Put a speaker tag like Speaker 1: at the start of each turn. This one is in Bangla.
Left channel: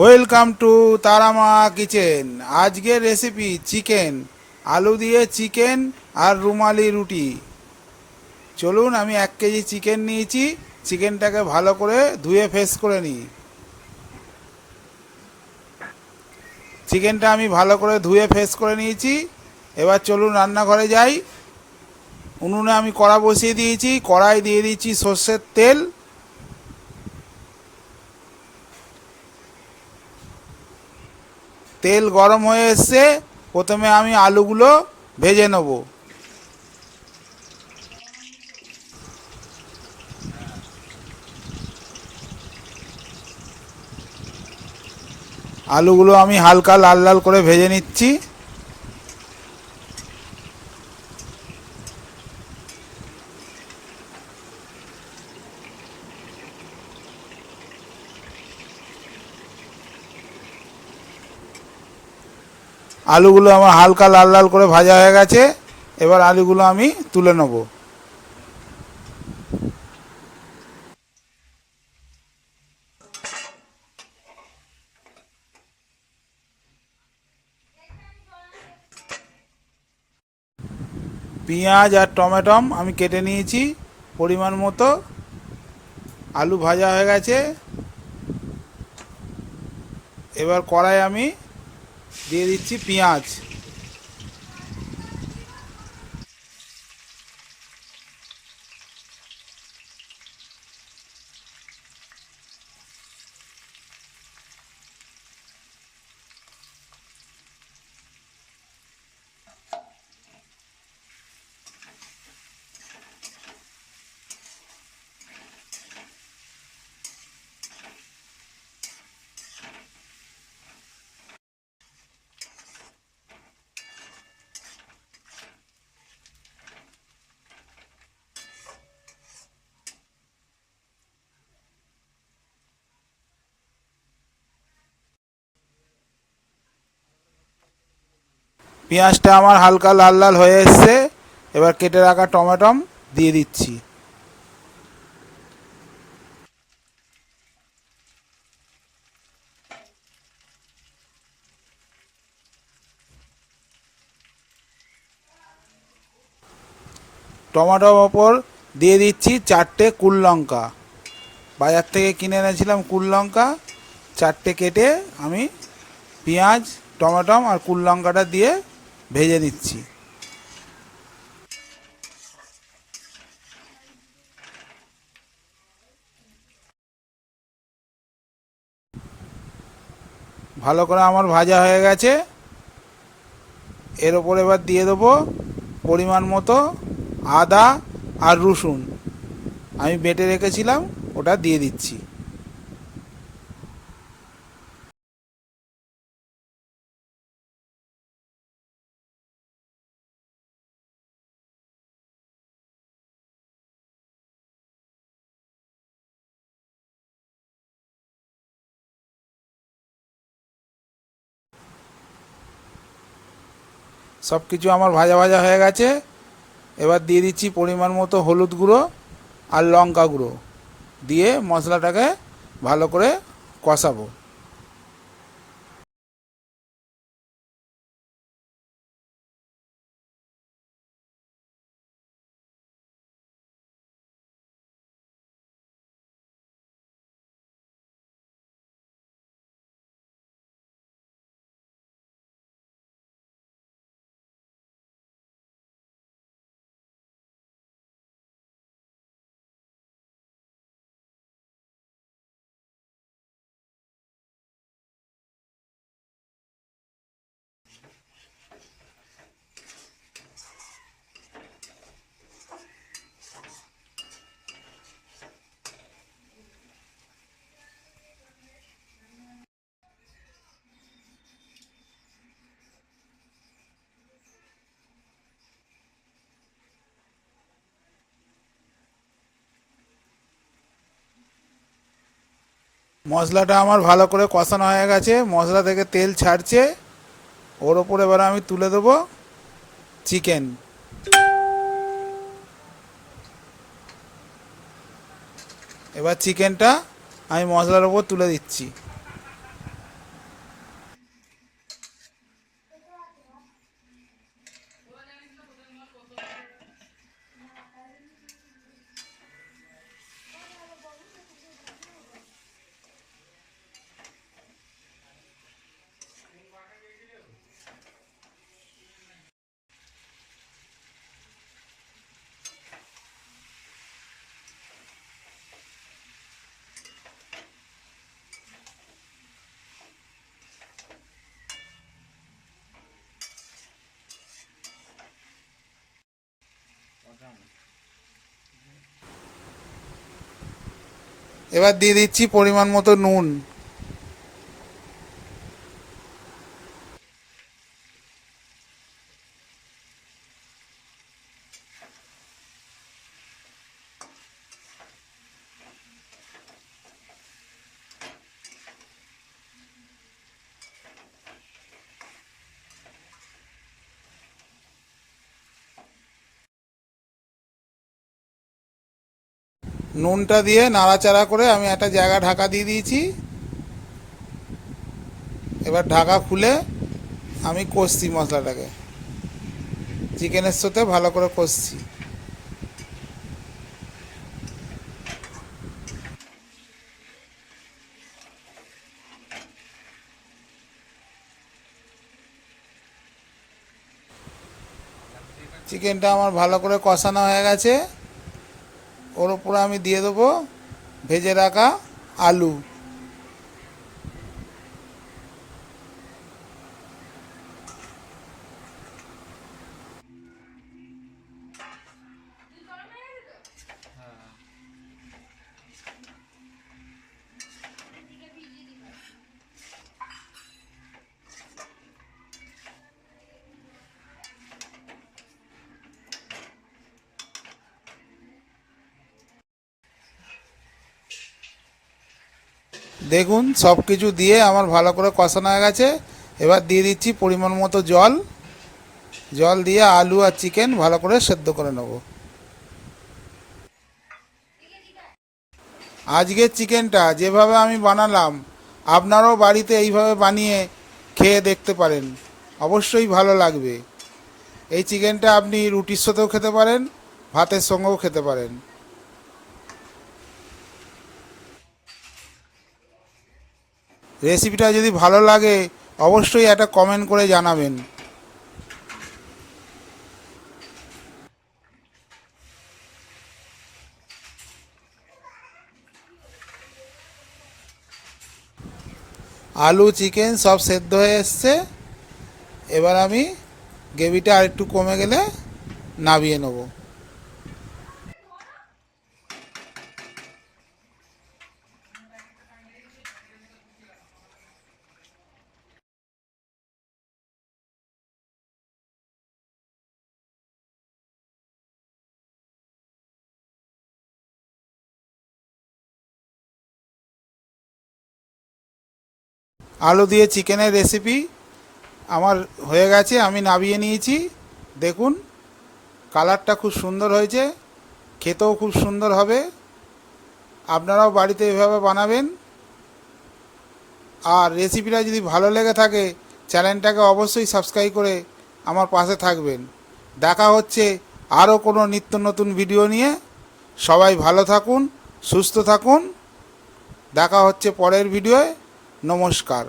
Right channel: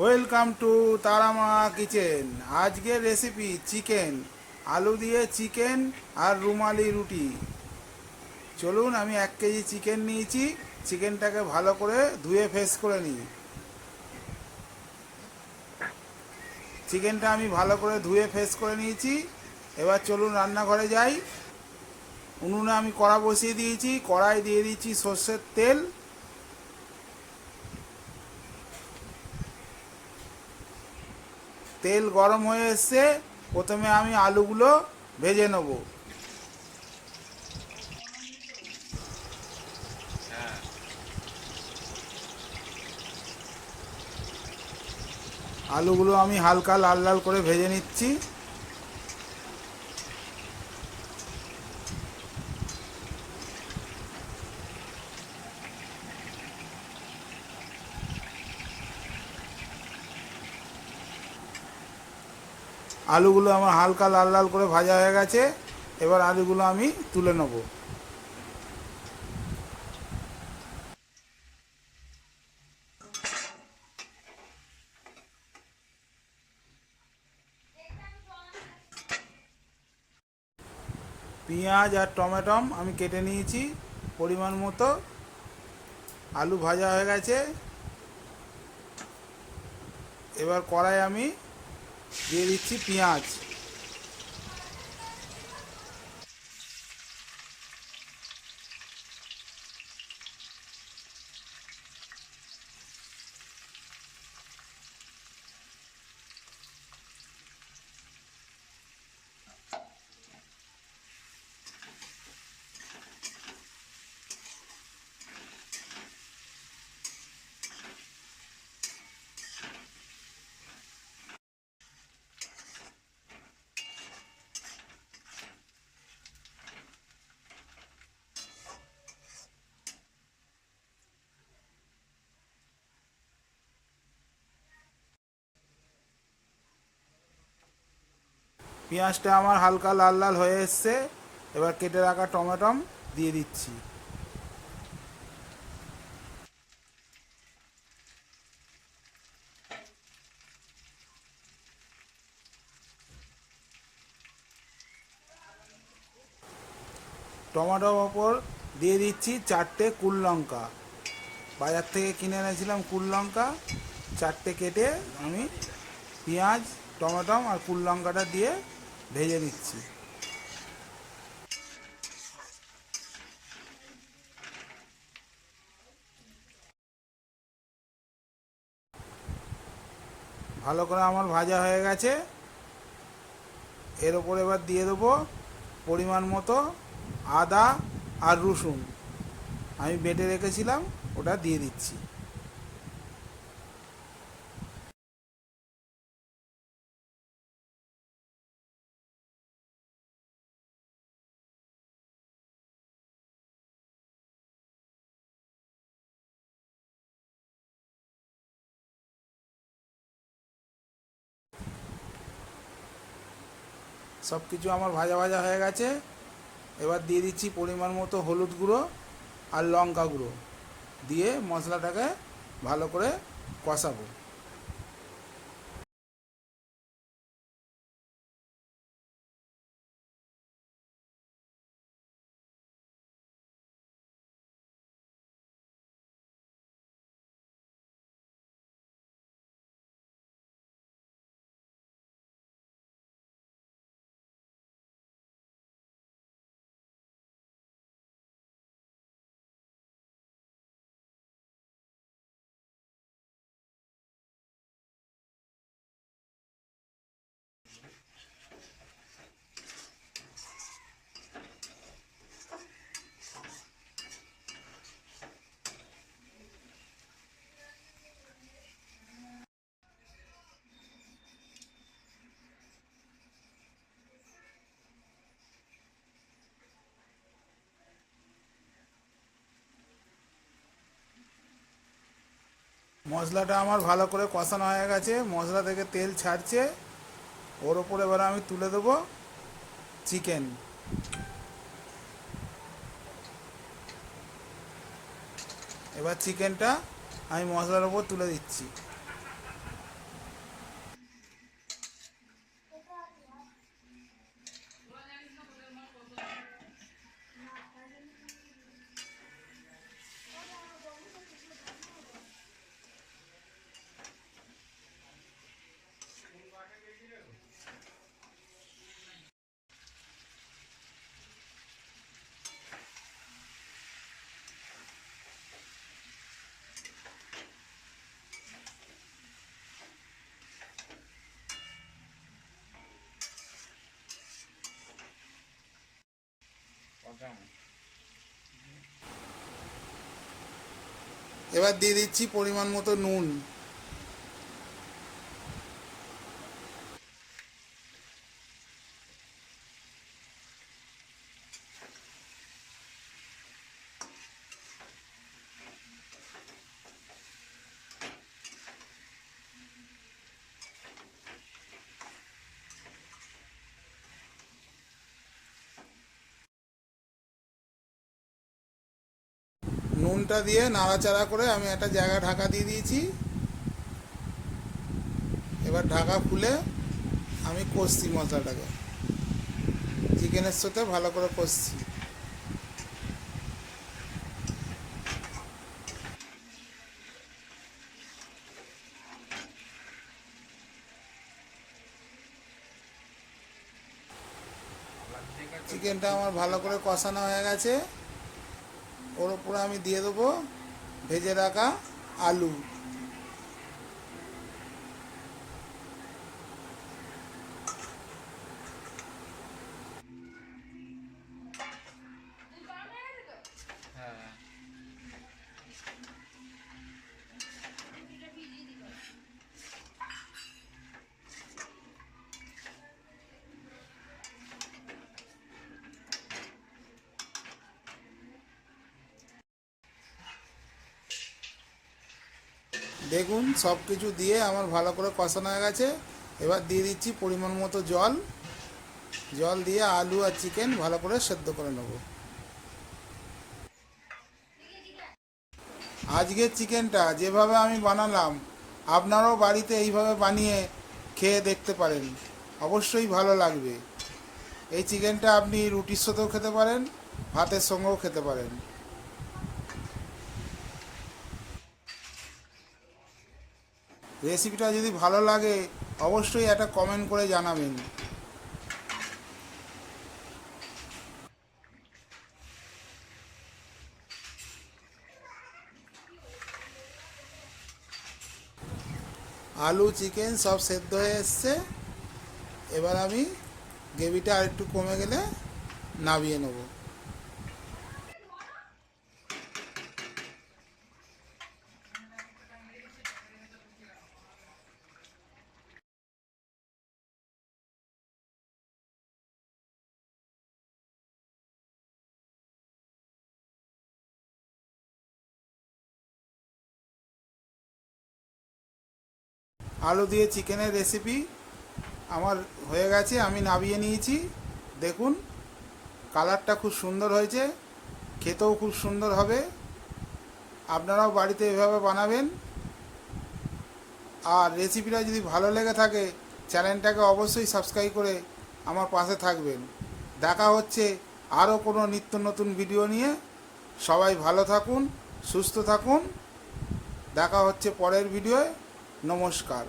Speaker 1: ওয়েলকাম টু তারামা কিচেন আজকের রেসিপি চিকেন আলু দিয়ে চিকেন আর রুমালি রুটি। চলুন আমি এক কেজি চিকেন নিয়েছি চিকেনটাকে ভালো করে ধুয়ে ফেস করে নিই। চিকেনটা আমি ভালো করে ধুয়ে ফেস করে নিয়েছি। এবার চলুন রান্নাঘরে যাই। উনুনে আমি কড়া বসিয়ে দিয়েছি, কড়াই দিয়ে দিয়েছি সর্ষের তেল। তেল গরম হয়ে এসছে, প্রথমে আমি আলুগুলো ভেজে নেব। আলুগুলো আমি হালকা লাল লাল করে ভেজে নিচ্ছি। আলুগুলো আমার হালকা লাল লাল করে ভাজা হয়ে গেছে, এবার আলুগুলো আমি তুলে নেব। পেঁয়াজ আর টমেটম আমি কেটে নিয়েছি, পরিমাণ মতো। আলু ভাজা হয়ে গেছে। এবার কড়াই আমি দিয়ে দিচ্ছি পেঁয়াজ পেঁয়াজটা আমার হালকা লাল লাল হয়ে এসছে। এবার কেটে রাখা টমেটম দিয়ে দিচ্ছি। টমেটোর ওপর দিয়ে দিচ্ছি চারটে কুল লঙ্কা। বাজার থেকে কিনে এনেছিলাম কুল লঙ্কা। চারটে কেটে আমি পেঁয়াজ, টমেটম আর কুল লঙ্কাটা দিয়ে ভেজে নিচ্ছি ভালো করে আমার ভাজা হয়ে গেছে। এর ওপর এবার দিয়ে দেবো পরিমাণ মতো আদা আর রসুন। আমি বেটে রেখেছিলাম, ওটা দিয়ে দিচ্ছি। সব কিছু আমার ভাজা ভাজা হয়ে গেছে। এবার দিয়ে দিচ্ছি পরিমাণ মতো হলুদ গুঁড়ো আর লঙ্কা গুঁড়ো। দিয়ে মশলাটাকে ভালো করে কষাবো। মশলাটা আমার ভালো করে কষানো হয়ে গেছে, মশলা থেকে তেল ছাড়ছে। ওর ওপর এবার আমি তুলে দেবো চিকেন। এবার চিকেনটা আমি মশলার ওপর তুলে দিচ্ছি। এবার দিয়ে দিচ্ছি পরিমাণ মতো নুন। নুনটা দিয়ে নাড়াচাড়া করে আমি একটা জায়গা ঢাকা দিয়ে দিয়েছি। এবার ঢাকা খুলে আমি কষছি মশলাটাকে। চিকেনের সাথে ভালো করে কষছি। চিকেনটা আমার ভালো করে কষানো হয়ে গেছে। ওর উপরে আমি দিয়ে দেবো ভেজে রাখা আলু। দেখুন সব কিছু দিয়ে আমার ভালো করে কষানো হয়ে গেছে। এবার দিয়ে দিচ্ছি পরিমাণ মতো জল। জল দিয়ে আলু আর চিকেন ভালো করে সেদ্ধ করে নেব। আজকের চিকেনটা যেভাবে আমি বানালাম, আপনারাও বাড়িতে এইভাবে বানিয়ে খেয়ে দেখতে পারেন। অবশ্যই ভালো লাগবে। এই চিকেনটা আপনি রুটির সাথেও খেতে পারেন, ভাতের সঙ্গেও খেতে পারেন। রেসিপিটা যদি ভালো লাগে, অবশ্যই একটা কমেন্ট করে জানাবেন। আলু চিকেন সব সেদ্ধ হয়ে এসছে। এবার আমি গ্রেভিটা আরেকটু কমে গেলে নামিয়ে নেব। আলু দিয়ে চিকেনের রেসিপি আমার হয়ে গেছে, আমি নামিয়ে নিয়েছি। দেখুন, কালারটা খুব সুন্দর হয়েছে, খেতেও খুব সুন্দর হবে। আপনারাও বাড়িতে এভাবে বানাবেন। আর রেসিপিটা যদি ভালো লেগে থাকে চ্যানেলটাকে অবশ্যই সাবস্ক্রাইব করে আমার পাশে থাকবেন। দেখা হচ্ছে আরও কোনো নিত্য নতুন ভিডিও নিয়ে। সবাই ভালো থাকুন, সুস্থ থাকুন। দেখা হচ্ছে পরের ভিডিওয় নমস্কার।